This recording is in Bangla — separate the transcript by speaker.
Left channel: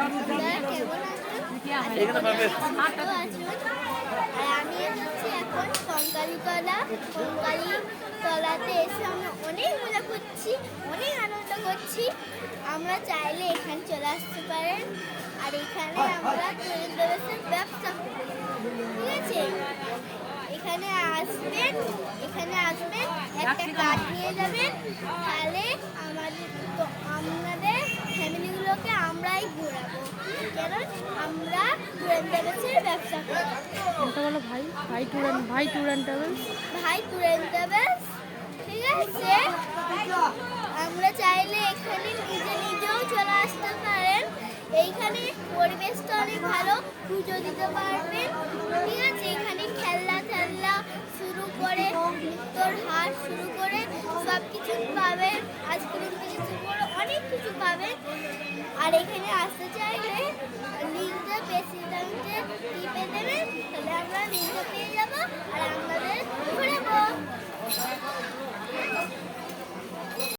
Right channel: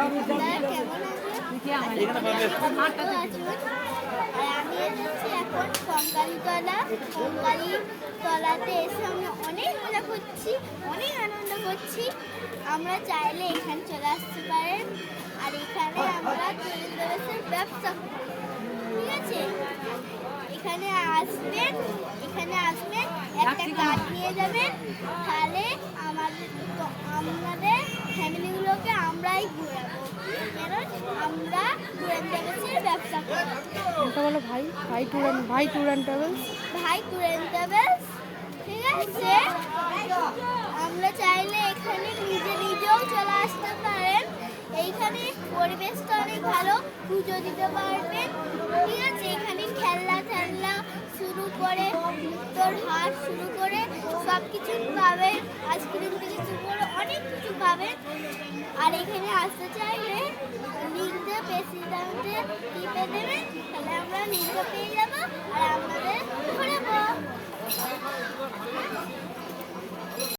Speaker 1: আছেন? আর আমি হচ্ছে এখন কঙ্কালী তলা কঙ্কালী তলাতে এসে আমরা অনেক মজা করছি অনেক আনন্দ করছি আমরা চাইলে এখানে চলে আসতে পারেন আর এখানে আমরা তেল ব্যবসার ব্যবসা ঠিক আছে এখানে আসবেন এখানে আসবেন একটা কার্ড নিয়ে যাবেন তাহলে আমাদের
Speaker 2: এটা বলো, ভাই। ভাই ট্যুর অ্যান্ড ভাই ট্যুর অ্যান্ড ট্রাভেলস
Speaker 1: ভাই ট্যুরের ট্রাভেলস ঠিক আছে? আমরা চাইলে এখানে নিজে নিজেও চলে আসতে পারেন। এইখানে পরিবেশটা অনেক ভালো, পুজো দিতে পারবেন। ঠিক আছে? এখানে খেলনা টেলনা শুরু করে, নৃত্যর হাট শুরু করে সব কিছু পাবেন। আইসক্রিম থেকে শুরু করে অনেক কিছু পাবেন। আর এখানে আসতে চাইলে 你个冰